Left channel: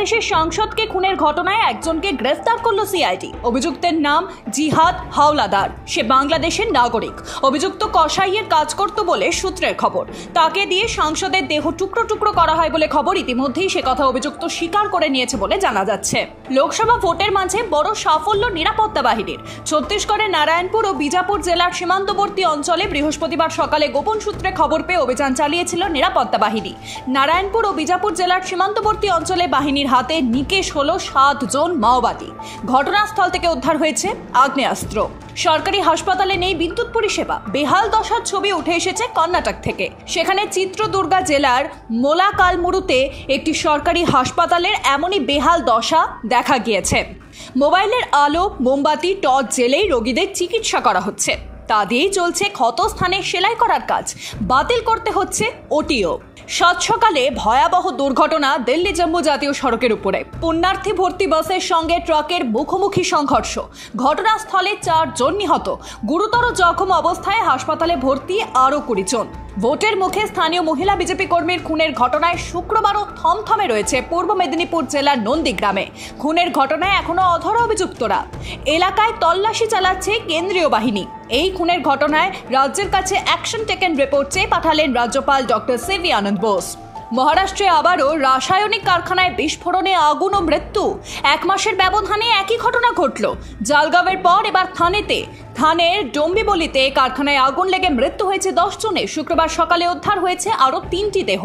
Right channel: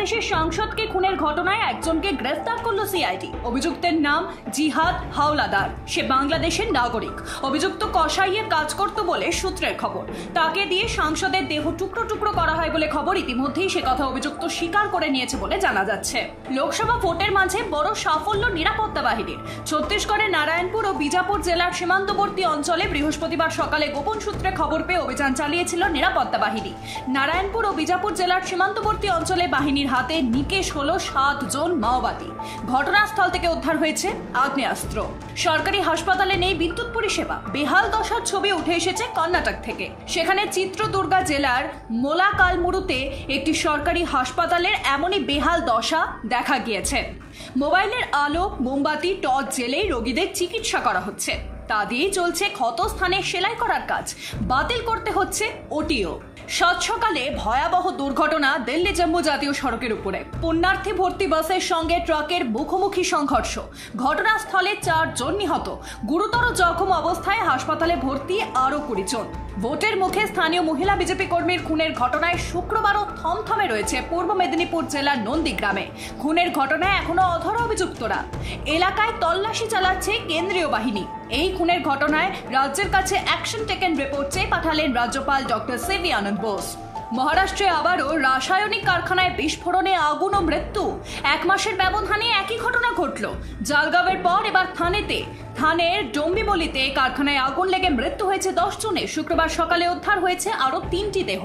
বাংলাদেশের সাংসদকে খুনের ঘটনায় একজনকে গ্রেফতার করল সিআইডি। অভিযুক্তের নাম জিহাদ হাওলাদার। সে বাংলাদেশের নাগরিক। অভিযুক্ত কসাইয়ের কাজ করত বলে সূত্রের খবর। তাকে দিয়ে সাংসদের দেহ টুকরো টুকরো করা হয় বলে খবর। ইতিমধ্যেই সে কথা অভিযুক্ত স্বীকার করে নিয়েছে বলে জানা যাচ্ছে। লোকসভা ভোটের মাঝে বড় সাফল্য নিরাপত্তা বাহিনীর। ছত্তিশগড়ের নারায়ণপুর ও বিজাপুর জেলার সীমান্তবর্তী অঞ্চলে বৃহস্পতিবার সকালে গোপন সূত্রে খবর পেয়ে অভিযান চালিয়েছিল নিরাপত্তা বাহিনী। নারায়ণপুর ও বিজাপুর জেলার সীমান্তবর্তী অঞ্চলে বাহিনীর হাতে নিকেশ হলো 7 জন মাওবাদী। ঘটনাস্থল থেকে উদ্ধার হয়েছে আগ্নেয়াস্ত্র। সরকারি হাসপাতালে নেই বিদ্যুৎ পরিষেবা। বেহাল দশার ছবি উঠে এসেছে কর্ণাটক থেকে। সেখানে চিত্রদুর্গা জেলার মোলাকালমুরুতে একটি সরকারি হাসপাতালের এমনই বেহাল দশা দেখা গিয়েছে। মোবাইলের আলো, মোমবাতি, টর্চ জ্বেলেই রোগীদের চিকিৎসা করা হচ্ছে। তা দিয়েই চলছে ক্ষতস্থানে সেলাই করার কাজ। বাতিল করতে হচ্ছে ওটিও। সাত সকালে ভয়াবহ দুর্ঘটনা দিল্লি জম্মু জাতীয় সড়কের উপরে। পুণ্যার্থী ভর্তি বাসের সঙ্গে ট্রাকের মুখোমুখি সংঘর্ষ। ঘটনাস্থলে 4 জন নিহত। গুরুতর জখম অবস্থায় হাসপাতালে ভর্তি আরও 20 জন। ভোটের মুখে স্থানীয় মহিলা বিজেপি কর্মীর খুনের ঘটনায় শুক্রবারও থমথমে রয়েছে পূর্ব মেদিনীপুর জেলার নন্দীগ্রামে। খুনের ঘটনায় এখনো অধরা অভিযুক্তরা। এলাকায় তল্লাশি চালাচ্ছে কেন্দ্রীয় বাহিনী। এই খুনের ঘটনায় রাজ্যের কাছে অ্যাকশন টেকেন রিপোর্ট চেয়ে পাঠালেন রাজ্যপাল ডক্টর সিভি আনন্দ বোস। মহারাষ্ট্রে আবারও রাসায়নিক কারখানায় বিস্ফোরণে আগুন ও মৃত্যু। 1 মাসের ব্যবধানে একই ঘটনা ঘটল। জালগাঁওয়ের পর এবার থানের ডম্বিবলিতে কারখানায় আগুন লেগে মৃত্যু হয়েছে 10 জনের। শুক্রবার সকালে উদ্ধার হয়েছে আরও 3টি দেহ।